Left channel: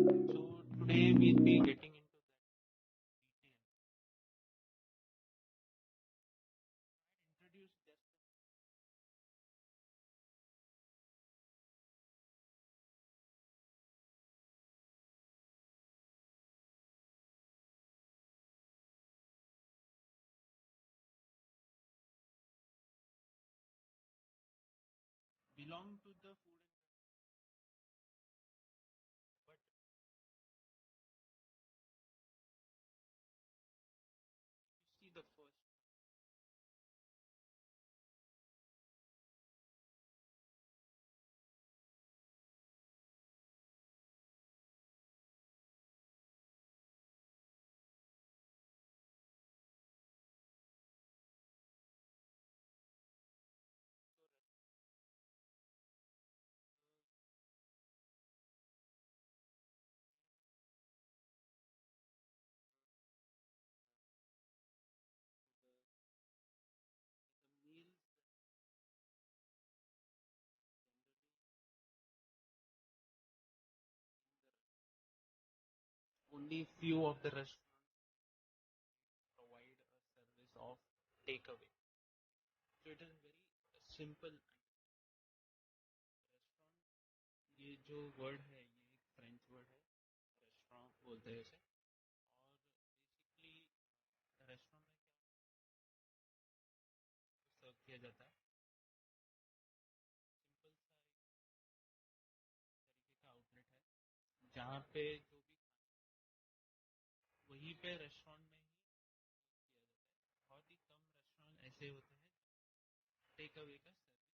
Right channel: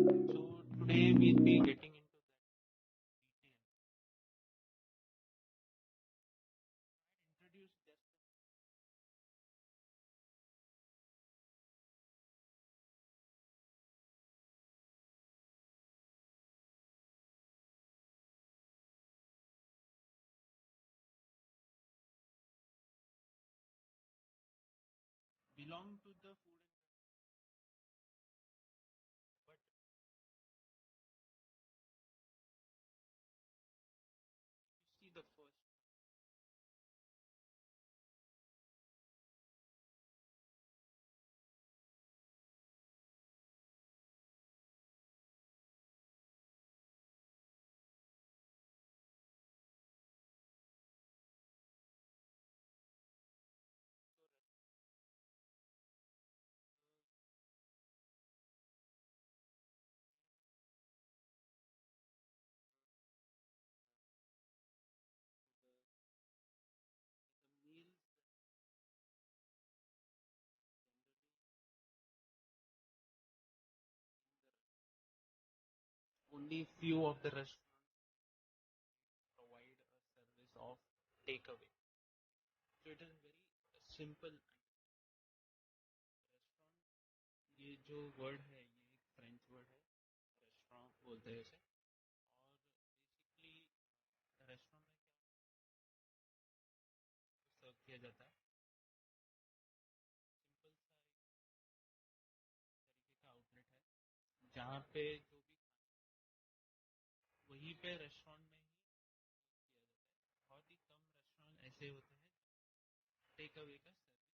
So today we'll be getting into that detail. Introduce just belong to the food and but you see the first the meals only few of the restaurants provide a service of takeaway. So it is very simple. Restaurant ये जो वर्ड है ये एक French word है रेस्टोरेंट बोलते हैं इसे और बेसिकली रेस्टोरेंट में क्या सर्व किया जाता है सिंपल सा एक तरीके का आउटलेट है जहाँ पे जो भी वहीं पे रेस्टोरेंट में ही किया जाता है बहुत ही कम रेस्टोरेंट ऐसे होते हैं टेक अवे का सर्विस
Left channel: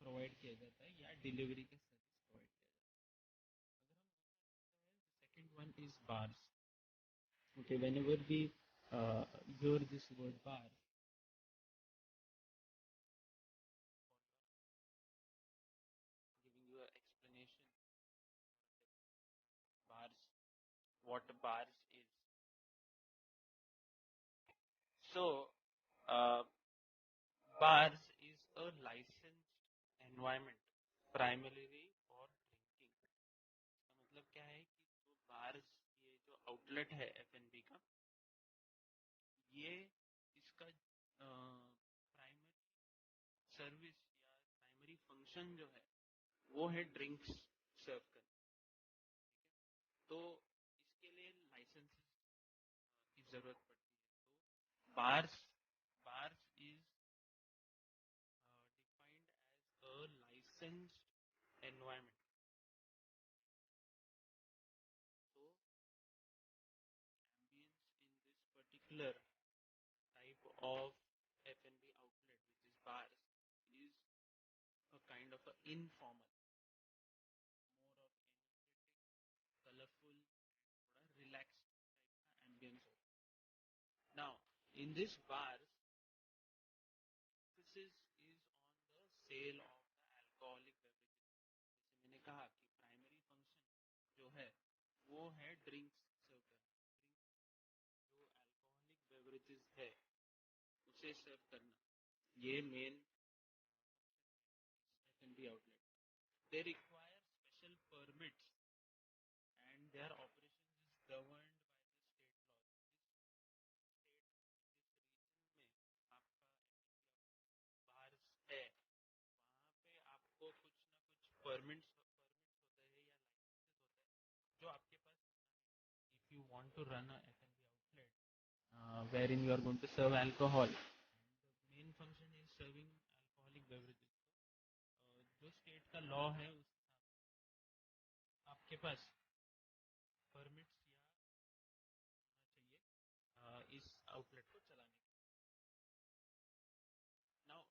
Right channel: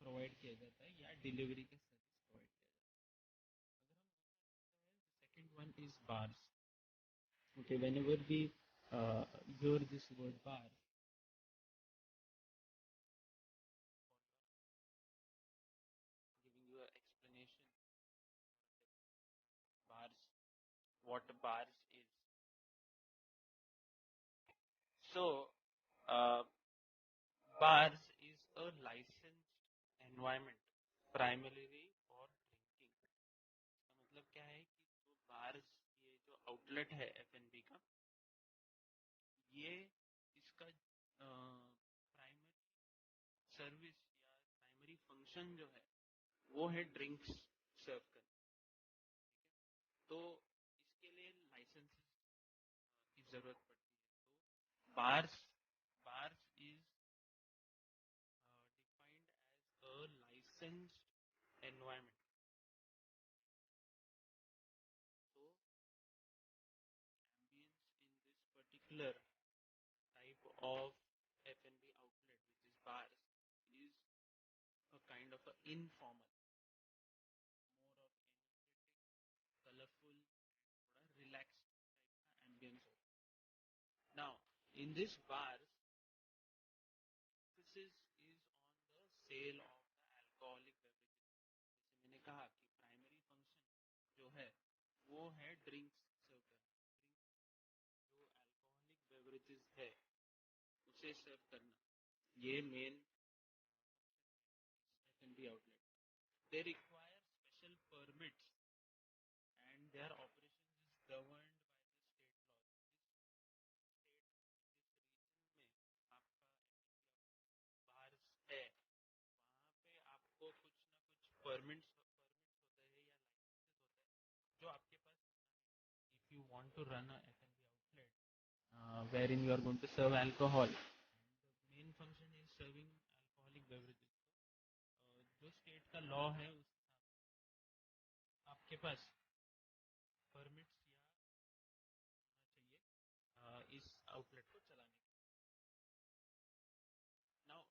प्रोवाइड किया जाता है या डिलीवरी का सर्विस प्रोवाइड किया जाता है अगर हम second one is bars okay whenever we hear this word bar giving you an explanation bars what bars is so uh, bars is a licensed environment primarily for drinking इसका मतलब क्या है कि जो बार्स ये जो आउटलेट है एफएनबी का ये इसका प्राइमरी सर्विस या प्राइमरी फंक्शन जो है वो है ड्रिंक्स सर्व करना तो इसके लिए लाइसेंस की जरूरत पड़ती है तो bars bars is defined as a licensed environment so ambience in this particular type of F&B outlet which is bars is a kind of a informal more of energetic colorful थोड़ा relaxed type का ambience होता है now in this bars emphasis is on the sale of the alcoholic beverages जैसे मैंने कहा कि primary function जो है वो है ड्रिंक्स सर्व करना ड्रिंक जो अल्कोहलिक बेवरेजेस है उसे सर्व करना ये main F&B outlet they require special permits and their operations is governed by the state laws जिस रीजन में आपका बाहर है वहाँ पे आपको कुछ ना कुछ परमिट्स होते हैं या लाइसेंसेस होते हैं जो आपके पास if you want to run a F&B outlet wherein you are going to serve alcohol the main function is serving alcoholic beverages जो स्टेट का लॉ है उस आपके पास परमिट्स या होना चाहिए इस आउटलेट को चलाने के now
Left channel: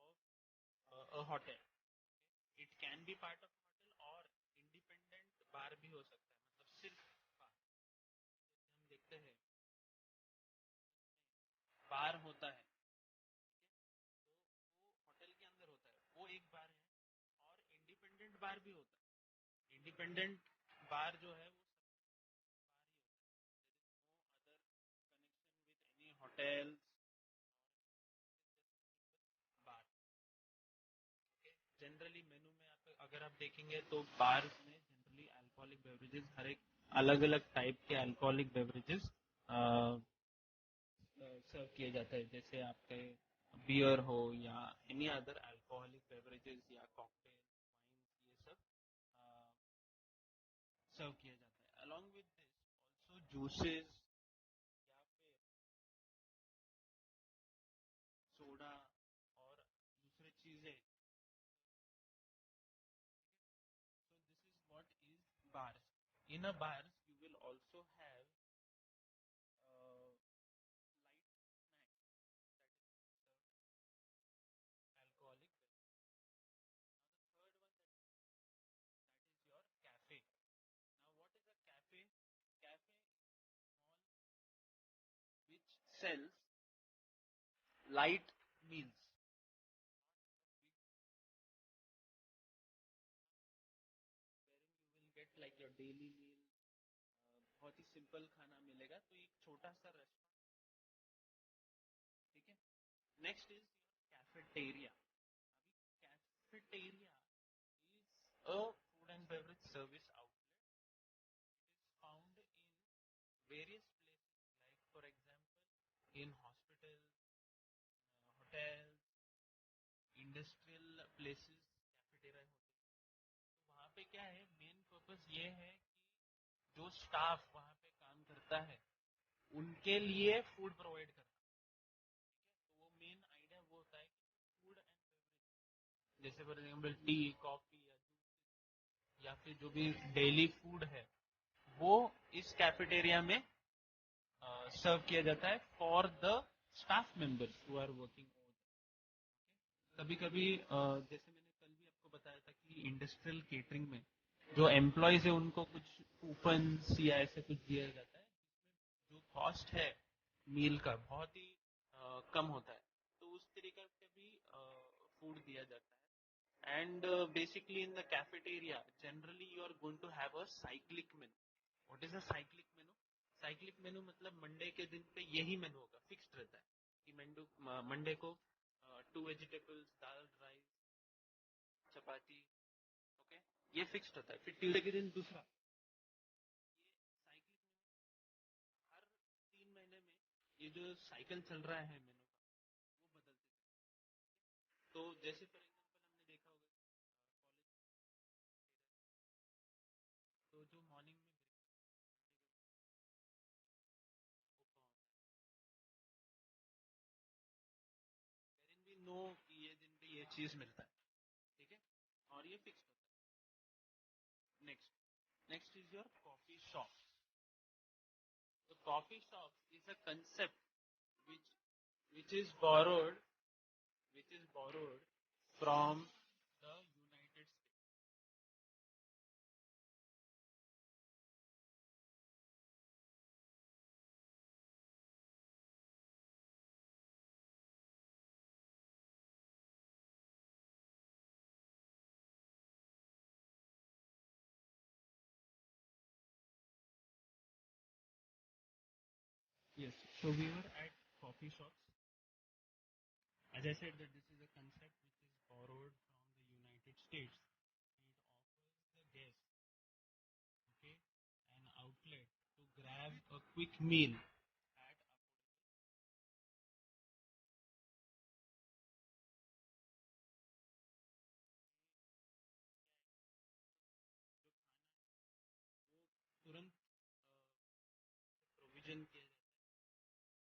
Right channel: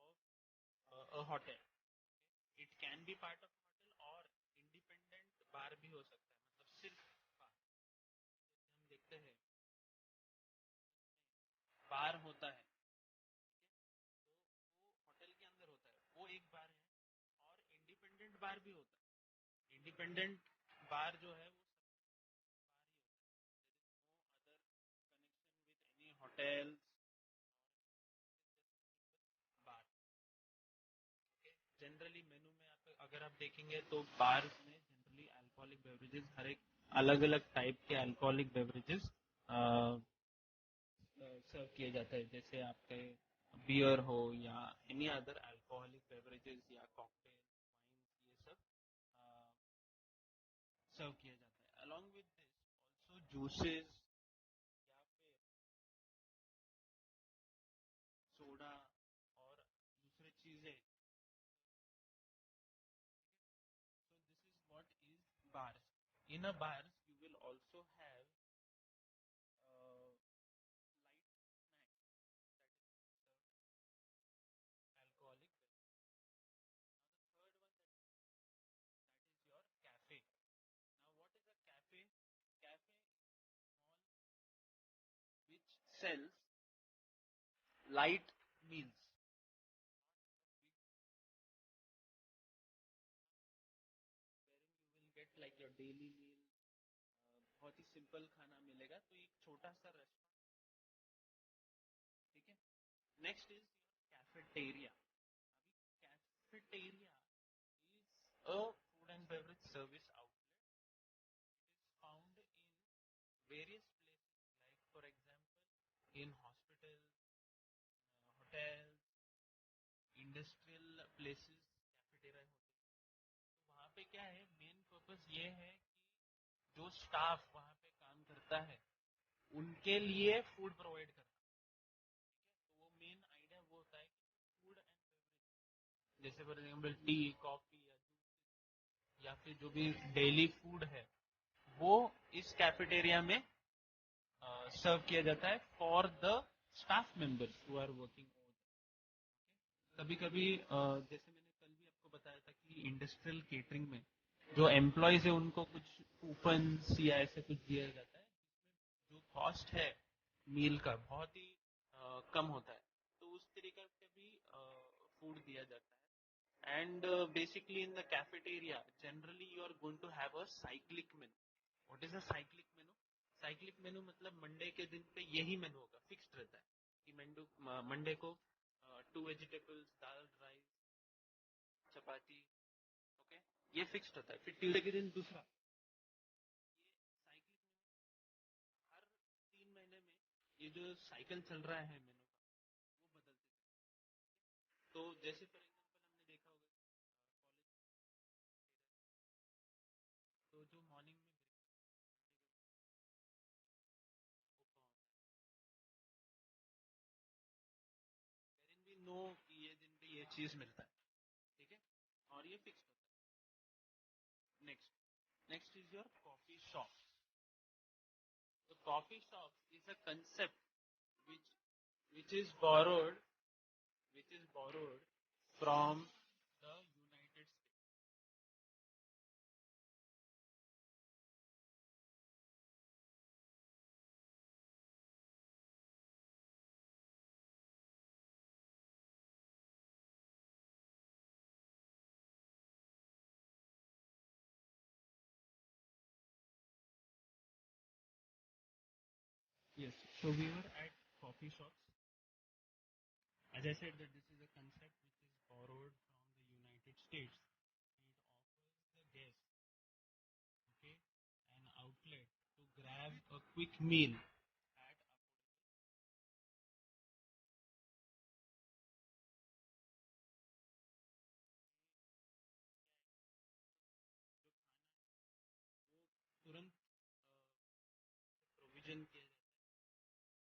it's of a hotel it can be part of hotel और इंडिपेंडेंट बार भी हो सकता है मतलब सिर्फ बार जैसे हम देखते हैं बार होता है तो वो होटल के अंदर होता है वो एक बार है और इंडिपेंडेंट बार भी होता है इंडिपेंडेंट बार जो है वो बार ही होता है there is no other connection with any hotels bar okay generally menu में आप अगर आप देखेंगे तो बार्स में जनरली अल्कोहलिक बेवरेजेस हर एक अलग अलग टाइप के अल्कोहलिक बेवरेजेस सर्व किए जाते हैं, जैसे आपके बियर हो या एनी अदर अल्कोहलिक बेवरेजेस या कॉकटेल वाइन, ये सब सर्व किया जाता है। Along with this also juices या फिर सोडा और दूसरे चीजें। So this is what is bars. In a bars, you will also have light snacks that is alcoholic beverage. Now the third one that is your cafe. Now what is a cafe? Cafe mall which sells light meals. Wherein you will get like your daily meal. बहुत ही सिंपल खाना मिलेगा, तो एक छोटा सा रेस्टोरेंट, ठीक है। Next is cafeteria. अभी cafeteria is a food and beverage service outlet. It is found in various places, like for example, in hospitals, hotels, industrial places, cafeteria होते हैं। तो वहाँ पे क्या है, मेन पर्पस ये है कि जो स्टाफ वहाँ पे काम करता है उनके लिए फूड प्रोवाइड करना, ठीक है। तो वो मेन आइडिया वो होता है कि फूड एंड बेवरेज, जैसे फॉर एग्जाम्पल टी, कॉफी या जूस या फिर जो भी डेली फूड है, वो इस कैफेटेरिया में सर्व किया जाता है for the staff members who are working over. कभी कभी जैसे मैंने कल भी आपको बताया था कि इंडस्ट्रियल केटरिंग में जो एम्प्लॉयज है उनको कुछ कूपन्स या ऐसे कुछ दिया जाता है, जिसमें जो कॉस्ट है मील का बहुत ही कम होता है, तो उस तरीके से भी फूड दिया जाता है। And basically in the cafeteria generally you are going to have a cyclic menu. What is a cyclic menu? Cyclic menu मतलब मंडे के दिन पे यही मेनू होगा, फिक्स्ड रहता है कि मंडे को 2 वेजिटेबल्स, दाल, राइस, चपाती, ओके, ये फिक्स्ड होता है। फिर ट्यूसडे के दिन दूसरा, ये साइक्लिक मेनू हर 3 महीने में ये जो साइकिल चल रहा है मेनू का, वो बदलते चलते हैं। तो जैसे फॉर एग्जांपल हमने देखा होगा कॉलेज, तो जो मॉर्निंग में वेरिन भी नो कि ये दिन पे ये चीज मिलता है, ठीक है, और ये फिक्स होता है। Next is your coffee shop. The coffee shop is a concept which which is borrowed which is borrowed from the United States. Yes. So we were at coffee shops. As I said that this is a concept which is borrowed from the United States. It offers the guest, okay, an outlet to grab a quick meal at जो खाना वो तुरंत प्रोविजन किया जाता है। The decor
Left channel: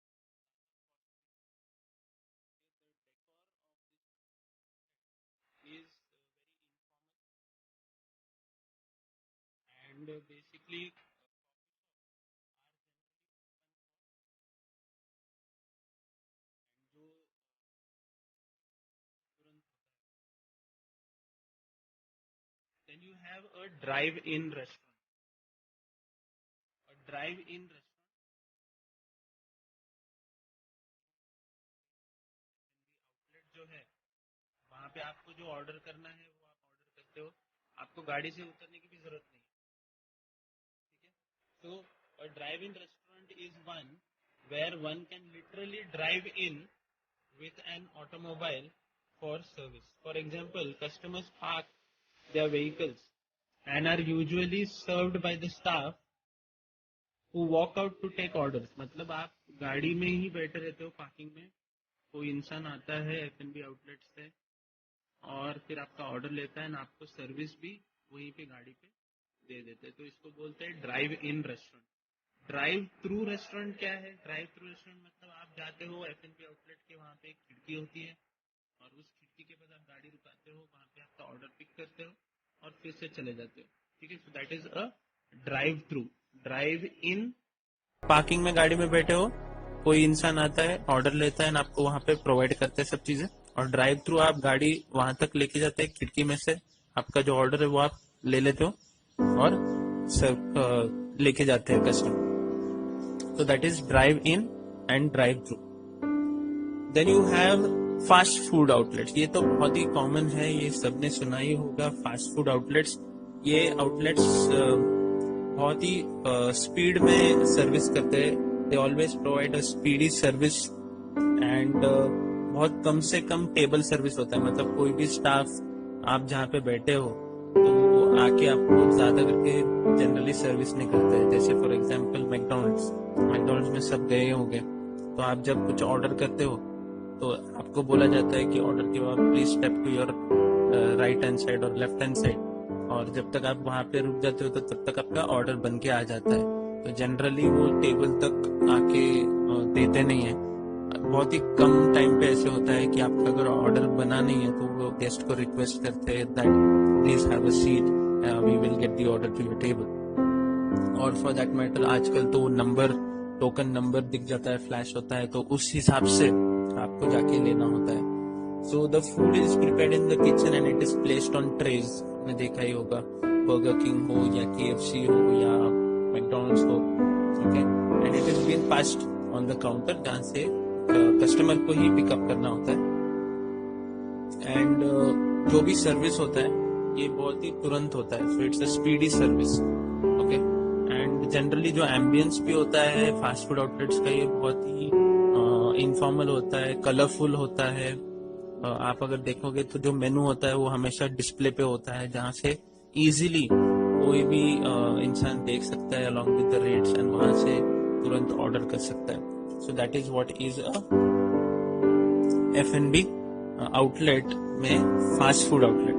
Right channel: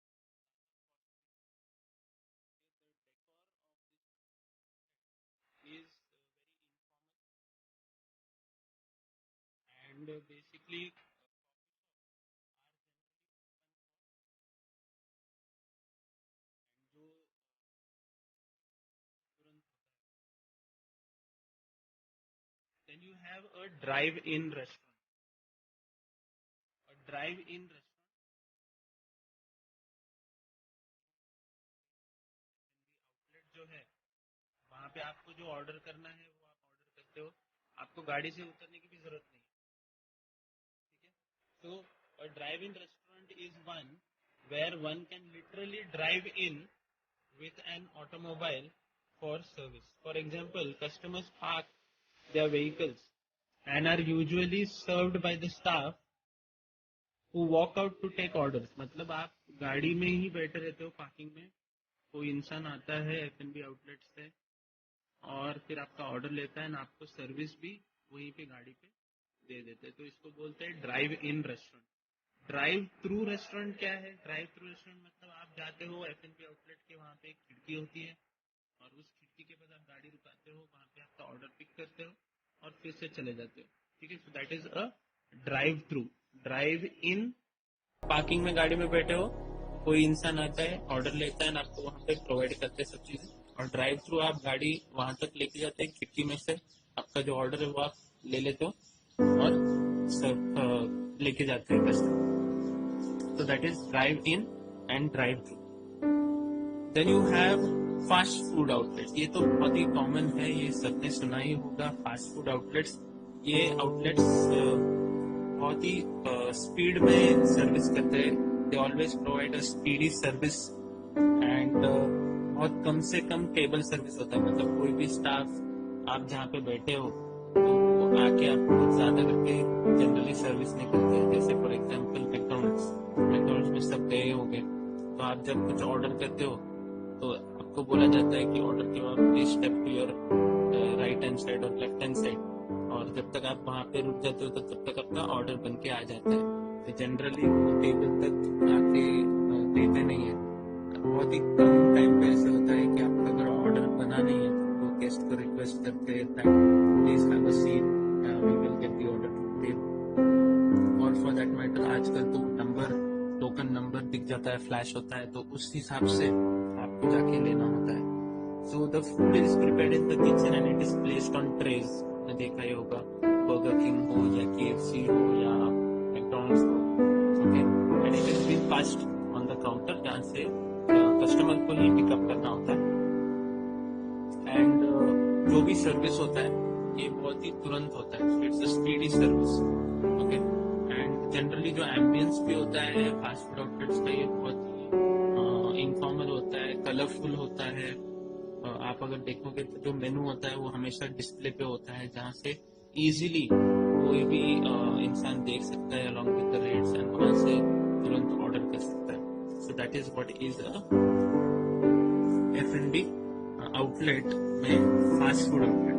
of this is very informal and basically are generally open and जो तुरंत होता है। Then you have a drive-in restaurant. A drive-in restaurant outlet जो है, वहाँ पे आपको जो ऑर्डर करना है वो आप ऑर्डर करते हो, आपको गाड़ी से उतरने की भी जरूरत नहीं है, ठीक है। So a drive-in restaurant is one where one can literally drive in with an automobile for service. For example, customers park their vehicles and are usually served by the staff who walk out to take orders. मतलब आप गाड़ी में ही बैठे रहते हो पार्किंग में, कोई इंसान आता है F&B आउटलेट से और फिर आपका ऑर्डर लेता है और आपको सर्विस भी वहीं पे गाड़ी पे दे देते हैं. तो इसको बोलते हैं ड्राइव इन रेस्टोरेंट. ड्राइव थ्रू रेस्टोरेंट क्या है? ड्राइव थ्रू रेस्टोरेंट मतलब आप जाते हो F&B आउटलेट के, वहाँ पे एक खिड़की होती है और उस खिड़की के पास आप गाड़ी रुकाते हो, वहाँ पे आपका ऑर्डर पिक करते हो और फिर से चले जाते हो. ठीक है, so that is a drive through. Drive इन, पार्किंग में गाड़ी में बैठे हो, कोई इंसान आता है ऑर्डर लेता है और आपको वहाँ पे प्रोवाइड करते हैं सब चीजें. और ड्राइव थ्रू आप गाड़ी वहां तक लेके जाते हैं, खिड़की में से आपका जो ऑर्डर है वो आप ले लेते हो और लेके जाते हैं कस्टमर. तो that is drive in and drive through. Then you have fast food outlets. ये तो बहुत ही कॉमन है, ये सबने सुना ही होगा. फास्ट फूड आउटलेट्स, ये आउटलेट्स बहुत ही स्पीड में सर्विस करते हैं. They always provide a speedy service and बहुत कम से कम टेबल सर्विस होता है. मतलब कोई भी स्टाफ आप जहाँ पे बैठे हो तो वो आके आपको ज्यादा करके जनरली सर्विस नहीं करते हैं. जैसे फॉर एग्जांपल मैकडोनल्ड्स में सब गए होंगे, तो आप जब कुछ ऑर्डर करते हो तो आपको बोला जाता है कि ऑर्डर के बाद please step to your right hand side और लेफ्ट हैंड साइड. और जब तक आप वहाँ पे रुक जाते हो तो तब तक आपका ऑर्डर बन के आ जाता है. तो जनरली वो टेबल तक आके देते नहीं है. बहुत ही कम टाइम पे ऐसे होता है कि आपका अगर ऑर्डर बना नहीं है तो वो गेस्ट को रिक्वेस्ट करते हैं that please have a seat, we will get the order to your table. और फॉर दैट मैटर आजकल तो नंबर, टोकन नंबर दिख जाता है, फ्लैश होता है, तो उस हिसाब से आपको जाके लेना होता है. So the food is prepared in the kitchen and it is placed on trays. आपने देखा ही होगा, बर्गर किंग हो या KFC हो या मैकडोनल्ड्स हो, okay, and it is been passed on the counter, जहाँ से कस्टमर को ही पिकअप करना होता है. एंड जो भी सर्विस होता है ये बहुत ही तुरंत होता है. So it's a speedy service, okay. And generally जो एम्बियंस भी होता है फास्ट फूड आउटलेट्स का, ये बहुत ही इनफॉर्मल होता है, कलरफुल होता है. आप अगर देखोगे तो जो मेनू होता है वो हमेशा डिस्प्ले पे होता है, जहाँ से इजीली कोई भी इंसान देख सकता है along with the rates and वहां से तुरंत ऑर्डर कर सकता है. So that is what is a F&B outlet में फास्ट फूड आउटलेट.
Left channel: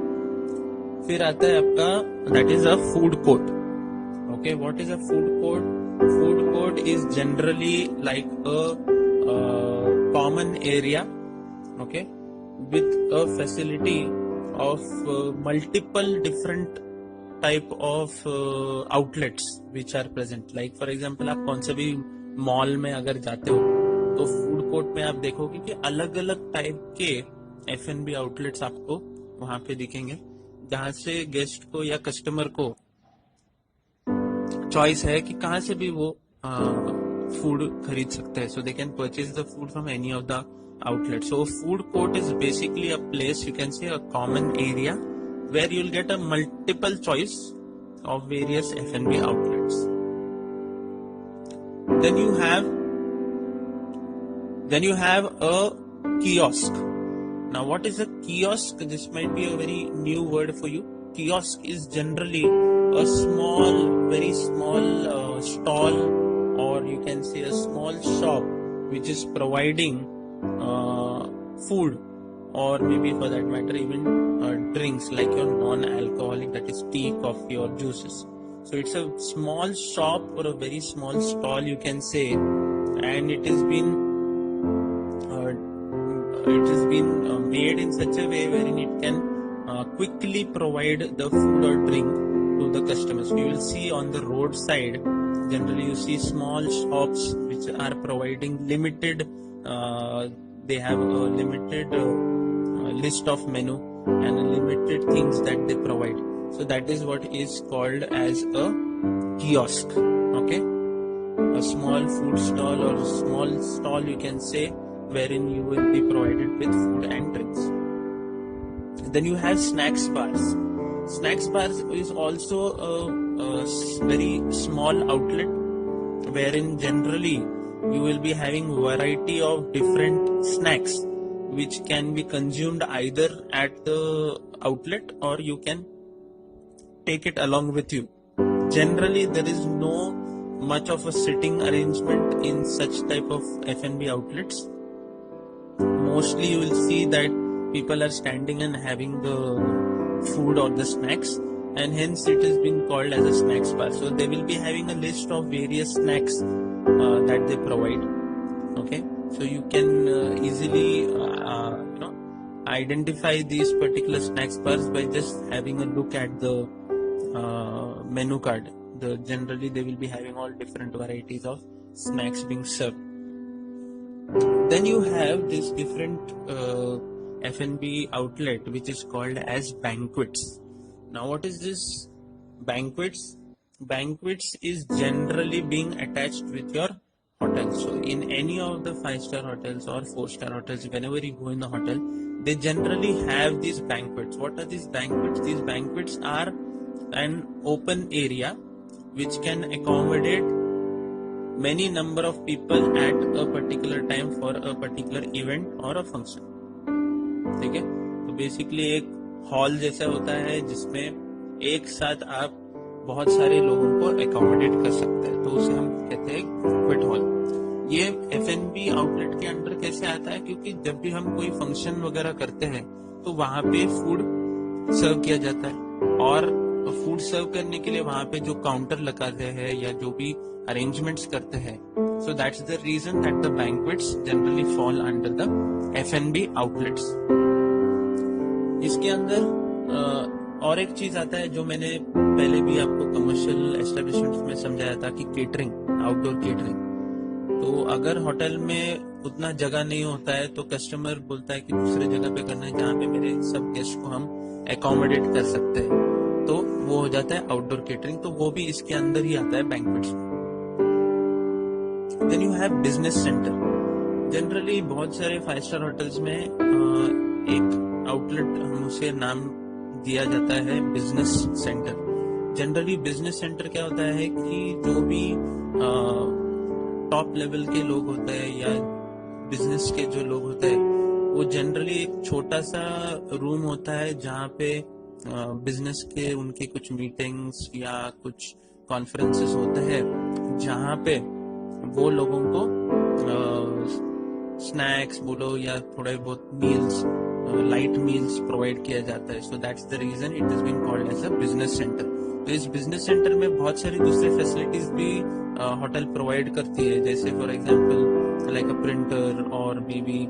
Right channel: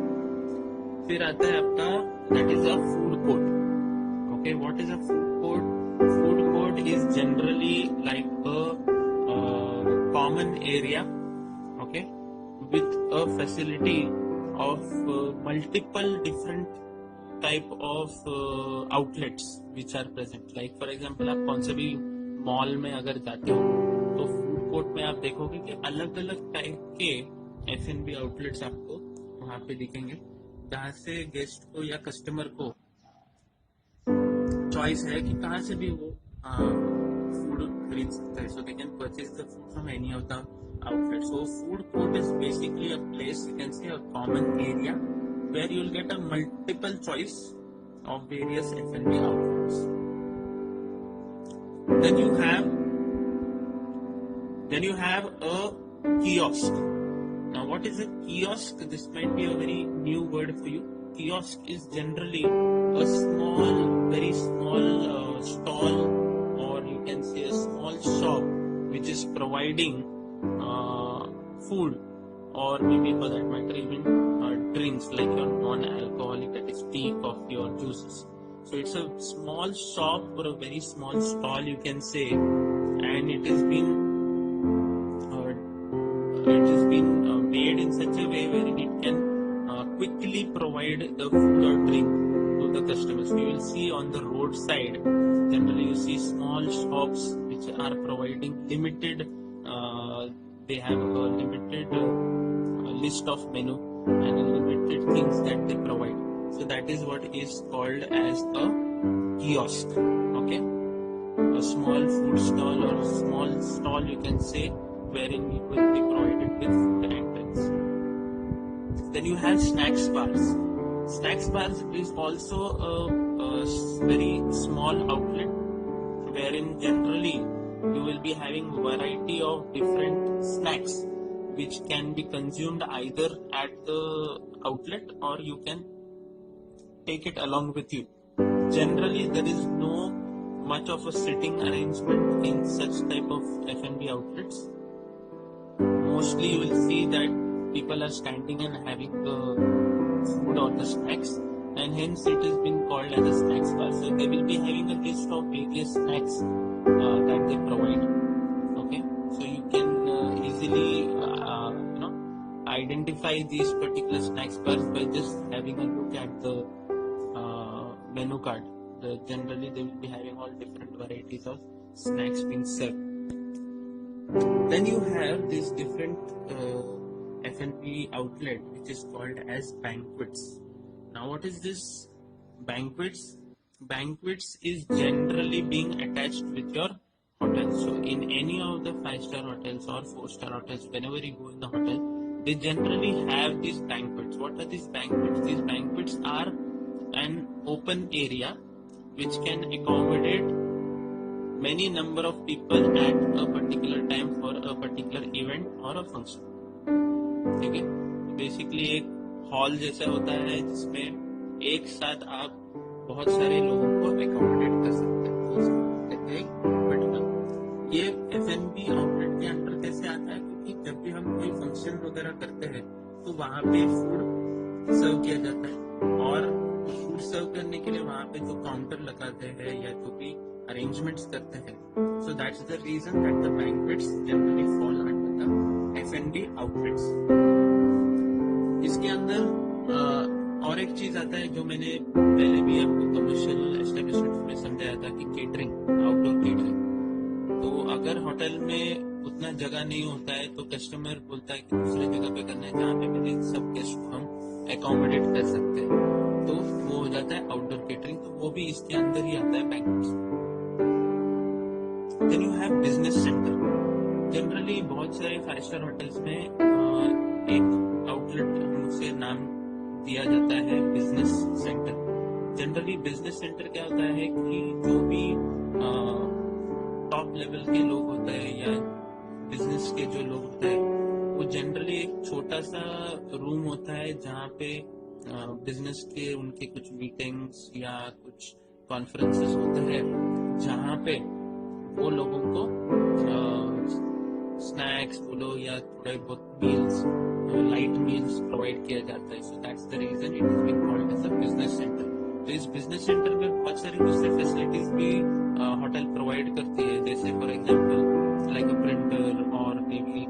फिर आता है आपका that is a food court. Okay, what is a food court? Food court is generally like a common area, okay, with a facility of multiple different type of outlets which are present. Like for example, आप कौन से भी मॉल में अगर जाते हो तो food court में आप देखोगे कि अलग अलग टाइप के F&B आउटलेट्स आपको वहां पे दिखेंगे, जहां से गेस्ट को या कस्टमर को चॉइस है कि कहाँ से भी वो फूड खरीद सकते हैं. So they can purchase the food from any of the outlet. So food court is basically a place, you can say a common area where you'll get a multiple choice of various F&B outlets. Then you have a kiosk. Now what is a kiosk? This might be a very new word for you. Kiosk is generally a small, very small stall, or you can say a small shop which is providing food, or maybe for that matter even drinks like your non-alcoholic, that is tea, coffee or juices. So it's a small shop or a very small stall, you can say, and it has been made in such a way wherein it can quickly provide the food or drink to the customers. You will see on the roadside, generally you see small shops which are providing limited they have a limited list of menu and limited things that they provide. So that is what is called as a kiosk, okay, a small food stall or a small stall, you can say, wherein you will be provided with food and drinks. Then you have snacks bars. Snacks bars is also a very small outlet wherein generally you will be having variety of different snacks which can be consumed either at the outlet or you can take it along with you. Generally, there is no much of a sitting arrangement in such type of F&B outlets. Mostly you will see that people are standing and having the food or the snacks, and hence it has been called as a snacks bar. So they will be having a list of various snacks that they provide. Okay, so you can easily identify these particular snacks bars by just having a look at the menu card. Generally they will be having all different varieties of snacks being served. Then you have this different F&B outlet which is called as banquets. Now what is this banquets? Banquets is generally being attached with your hotel. So in any of the 5-star hotels or 4-star hotels, whenever you go in the hotel, they generally have these banquets. What are these banquets? These banquets are an open area which can accommodate many number of people at a particular time for a particular event or a function. ठीक है, तो बेसिकली एक हॉल जैसा होता है जिसमें एक साथ आप बहुत सारे लोगों को अकोमोडेट कर सकते हैं, तो उसे हम कहते हैं बैंक्वेट हॉल. ये F&B आउटलेट के अंडर कैसे आता है? क्योंकि जब भी हम कोई फंक्शन वगैरह करते हैं तो वहां पे फूड सर्व किया जाता है, और फूड सर्व करने के लिए वहां पे जो काउंटर लगाते हैं या जो भी अरेंजमेंट्स करते हैं, so that's the reason that the banquets generally fall under the F&B outlets. इसके अंदर और एक चीज आता है जो मैंने पहले भी आपको कमर्शियल एस्टेब्लिशमेंट्स में समझाया था कि केटरिंग, आउटडोर केटरिंग. तो अगर होटल में उतना जगह नहीं होता है तो कस्टमर बोलता है कि दूसरे जगह पे करना है जहाँ पे मेरे सब गेस्ट को हम एकोमोडेट कर सकते हैं, तो वो हो जाता है आउटडोर केटरिंग. तो वो भी इसके अंदर ही आता है बैंक्वेट्स में. Then you have business centre. Generally बहुत सारे 5-स्टार होटल्स में एक आउटलेट उसे नाम दिया जाता है business centre. Generally business centre क्या होता है कि जो भी टॉप लेवल के लोग होते हैं या बिजनेस के जो लोग होते हैं, वो जनरली एक छोटा सा रूम होता है जहाँ पे बिजनेस के उनके कुछ मीटिंग्स या कुछ कॉन्फ्रेंसेस होते हैं, जहाँ पे वो लोगों को स्नैक्स बोलो या थोड़े बहुत मील्स, लाइट मील्स प्रोवाइड किया जाता है. So that's the reason it is been called as a business centre. तो इस बिजनेस सेंटर में बहुत सारी दूसरी फैसिलिटीज भी होटल प्रोवाइड करती है, जैसे for example like a printer और may be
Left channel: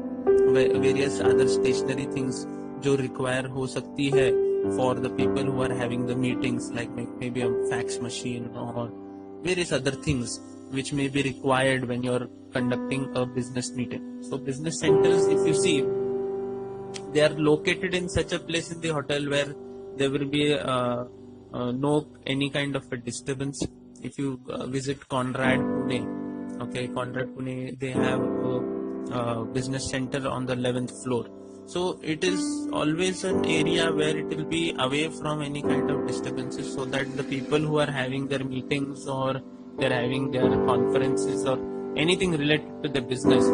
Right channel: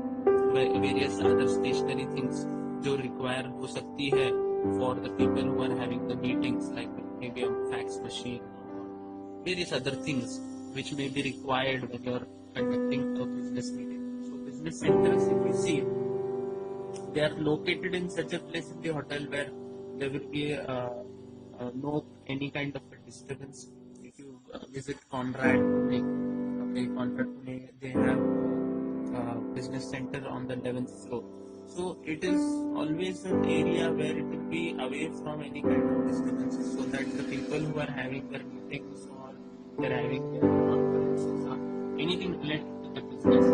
various other stationery things जो रिक्वायर हो सकती है for the people who are having the meetings, like may be a fax machine और various other things which may be required when you're conducting a business meeting. So business centers, if you see, they are located in such a place in the hotel where there will be no any kind of a disturbance. If you visit Conrad Pune, okay, Conrad Pune, they have a business center on the 11th floor. So it is always an area where it will be away from any kind of disturbances, so that the people who are having their meetings or they're having their conferences or anything related to the business,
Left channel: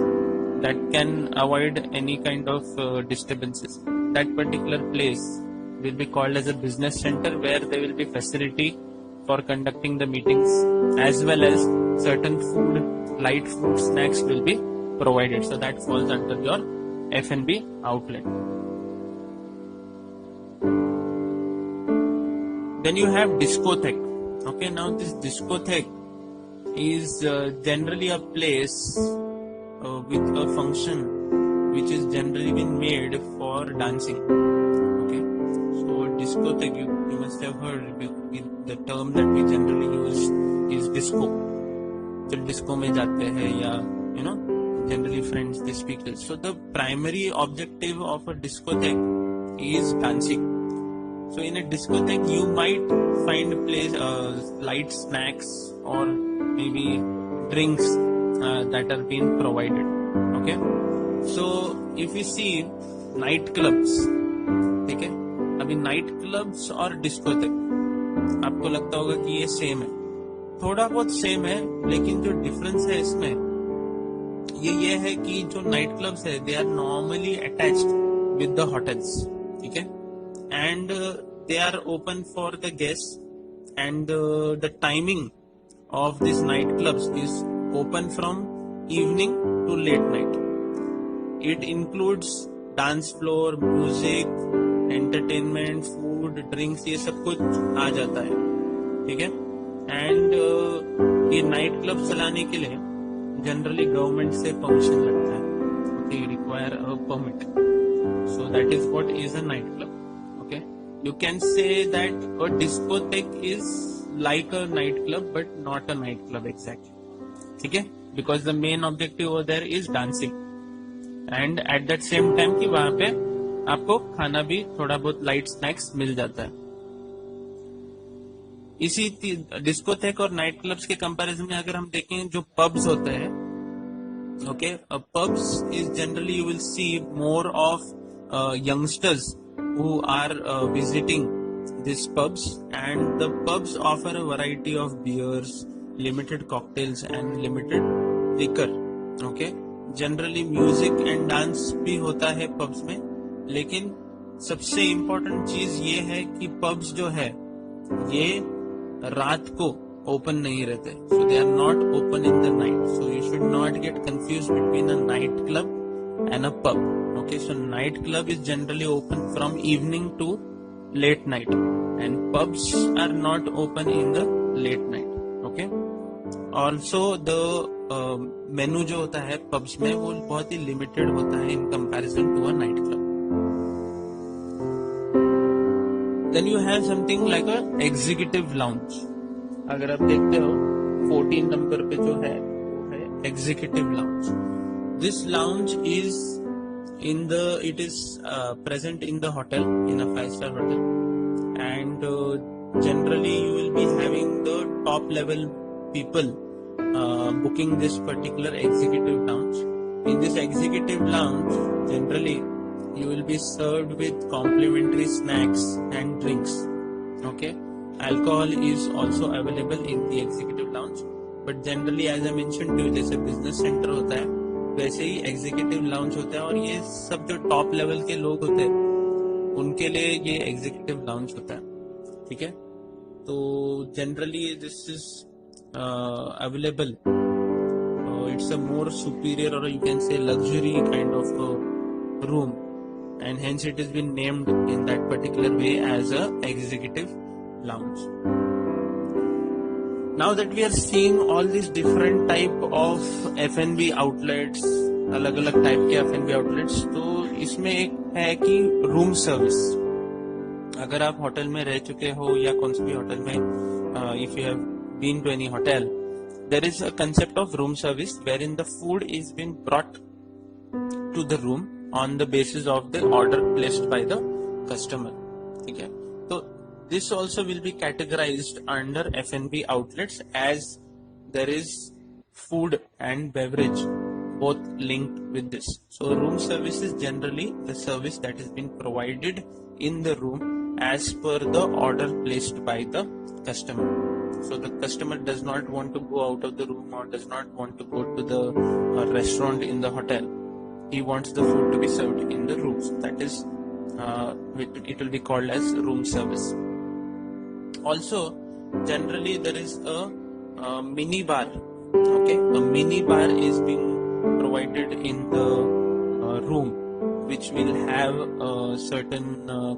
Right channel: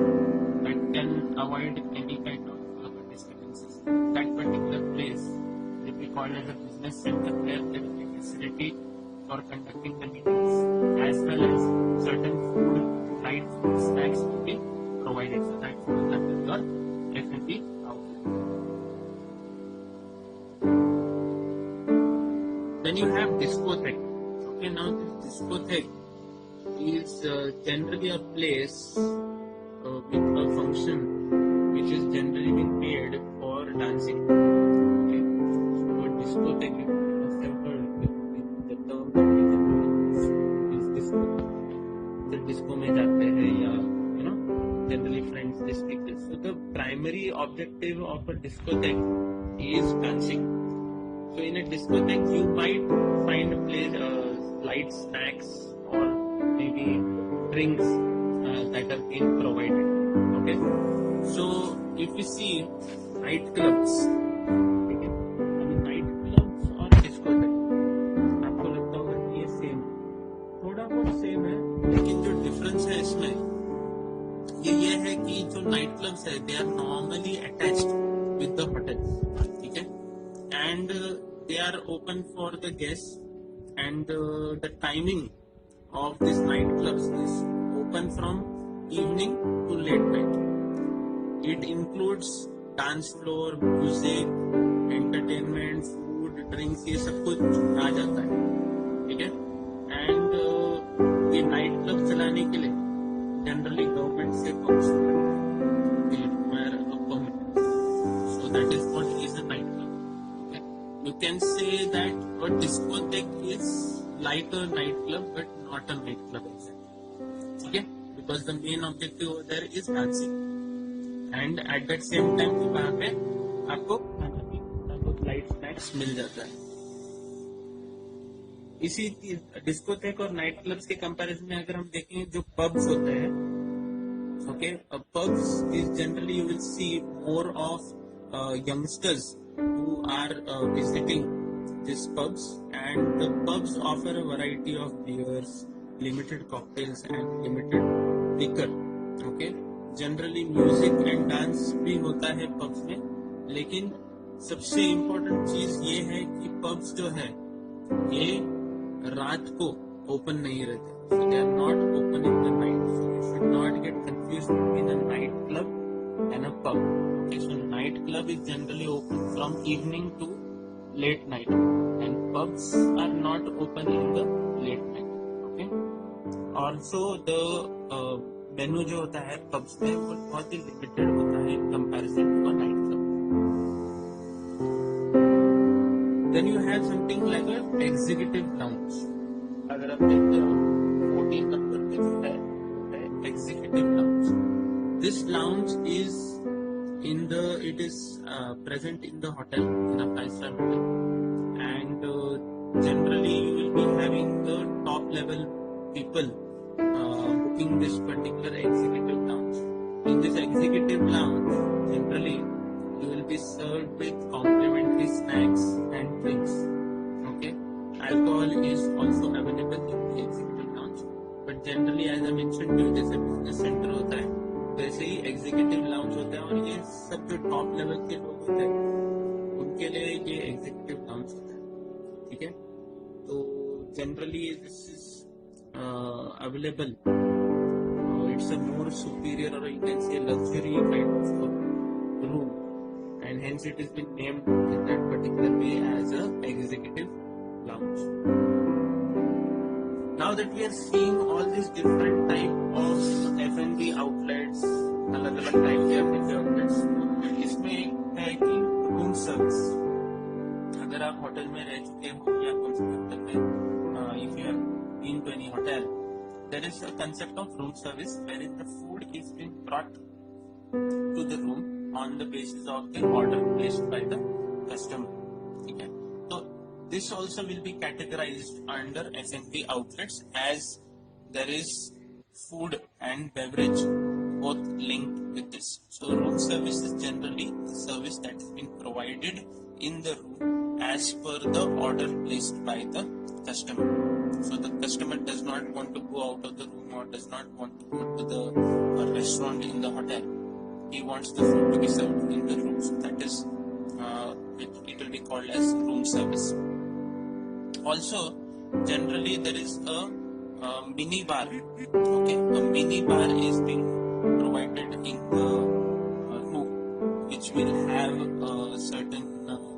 that can avoid any kind of disturbances. That particular place will be called as a business center, where there will be facility for conducting the meetings, as well as certain food, light food, snacks will be provided. So that falls under your F&B outlet. Then you have discotheque. Okay, now this discotheque is generally a place with a function which is generally been made for dancing. Okay, so discotheque, you must have heard the term that we generally use is disco. So disco में जाते हैं या you know generally friends they speak this. So the primary objective of a discotheque is dancing. So in a discotheque you might find a place light snacks or maybe drinks that are being provided. Okay, so if you see night clubs, ठीक है, अभी night clubs और डिस्कोथेक आपको लगता होगा कि ये सेम है, थोड़ा बहुत सेम है, लेकिन जो डिफरेंस है इसमें ये है कि जो नाइट क्लब्स है they are normally attached with the hotels. ठीक है, and they are open for the guests, and the timing of these nightclubs is open from evening to late night. It includes dance floor, music, entertainment, food, drinks, ये सब कुछ आ जाता है, ठीक है. एंड ये नाइट क्लब चलाने के लिए जनरली गवर्नमेंट से परमिशन लगता है. Okay, require a permit. So that is what is a night club. Okay, you can say that a discotheque is like a nightclub but not a nightclub exactly, ठीक है, because the main objective over there is dancing and at that same time कि वहां पे आपको खाना भी थोड़ा बहुत लाइट स्नैक्स मिल जाता है. इसी डिस्कोथेक और नाइट क्लब्स के कंपैरिजन में अगर हम देखें जो पब्स होते हैं, okay, pubs is generally you will see more of youngsters who are visiting these pubs, and the pubs offer a variety of beers, limited cocktails and limited liquor. Okay, generally music and dance भी होता है pubs में, लेकिन सबसे इम्पोर्टेंट चीज ये है कि pubs जो है ये रात को ओपन नहीं रहते. So they are not open in the night. So you should not get confuse between a night club and a pub. Okay, so night club is generally open from evening to late night, and pubs are not open in the late night. Okay, also the menu जो होता है pubs में वो बहुत ही limited होता है in comparison to a night club. Then you have something like a executive lounge. अगर आप देखते हो 14 नंबर पे जो है वो है executive lounge. This lounge is it is present in the hotel, in a 5-star hotel, and generally you will be having the top level people booking this particular executive lounge. In this executive lounge, generally you will be served with complimentary snacks and drinks. Okay, alcohol is also available in the executive lounge, but generally as I mentioned to you, जैसे business center होता है वैसे ही executive lounge होता है, और ये सब जो टॉप लेवल के लोग होते हैं उनके लिए ये एग्जीक्यूटिव लाउंज होता है, ठीक है. तो generally this is available, it's a more superior और you can say luxury kind of room, and hence it is been named in that particular way as a executive lounge. Now that we are seeing all these different type of F&B outlets, अलग अलग टाइप के F&B outlets, तो इसमें एक है कि room service. अगर आप होटल में रह चुके हो या कौन से भी होटल में, if you have been to any hotel, there is a concept of room service wherein the food is being brought to the room on the basis of the order placed by the customer, ठीक है. तो this also will be categorized under F&B outlets as there is food and beverage both linked with this. So room service is generally the service that is being provided in the room as per the order placed by the customer. So the customer does not want to go out of the room or does not want to go to the restaurant in the hotel. He wants the food to be served in the room. So that is it will be called as room service. Also, generally there is a mini bar. Okay, a mini bar is being provided in the room, which will have certain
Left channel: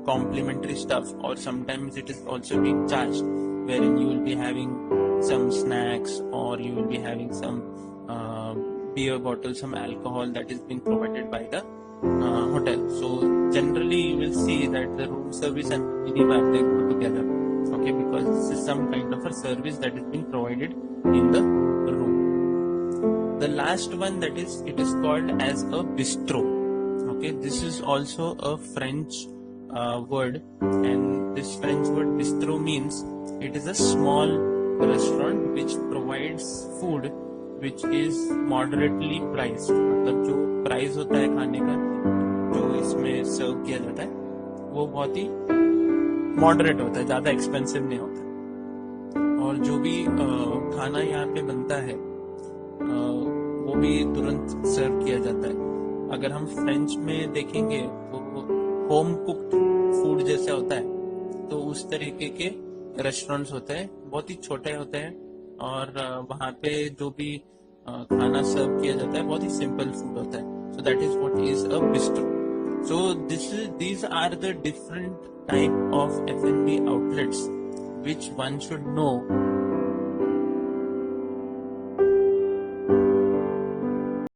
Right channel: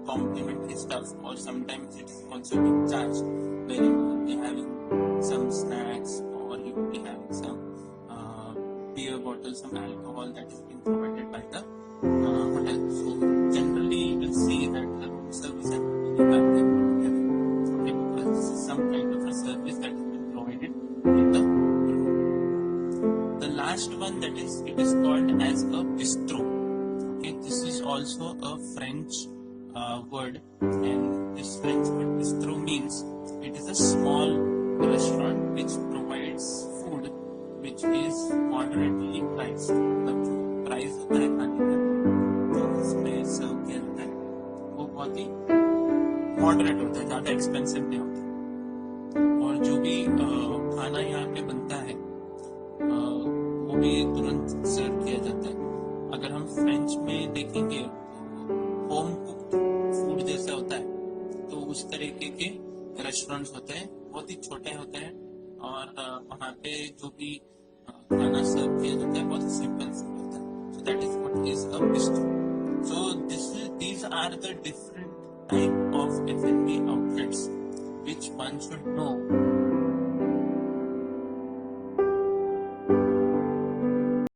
complimentary stuff, or sometimes it is also being charged, wherein you will be having some snacks or you will be having some beer bottle, some alcohol that is being provided by the hotel. So generally you will see that the room service and mini bar, they go together. Okay, because this is some kind of a service that is being provided in the room. The last one, that is, it is called as a bistro. Okay, this is also a French word, and this French word bistro means it is a small restaurant which provides food which is moderately priced. मतलब जो प्राइस होता है खाने का जो इसमें सर्व किया जाता है वो बहुत ही मॉडरेट होता है, ज्यादा एक्सपेंसिव नहीं होता. और जो भी खाना यहाँ पे बनता है वो भी तुरंत सर्व किया जाता है. अगर हम फ्रेंच में देखेंगे तो होम कुक्ड फूड जैसे होता है, तो उस तरीके के रेस्टोरेंट्स होते हैं, बहुत ही छोटे होते हैं, और वहाँ पे जो भी खाना सर्व किया जाता है बहुत ही सिंपल फूड होता है. So that is what is a bistro. So these are the different type of F&B outlets which one should know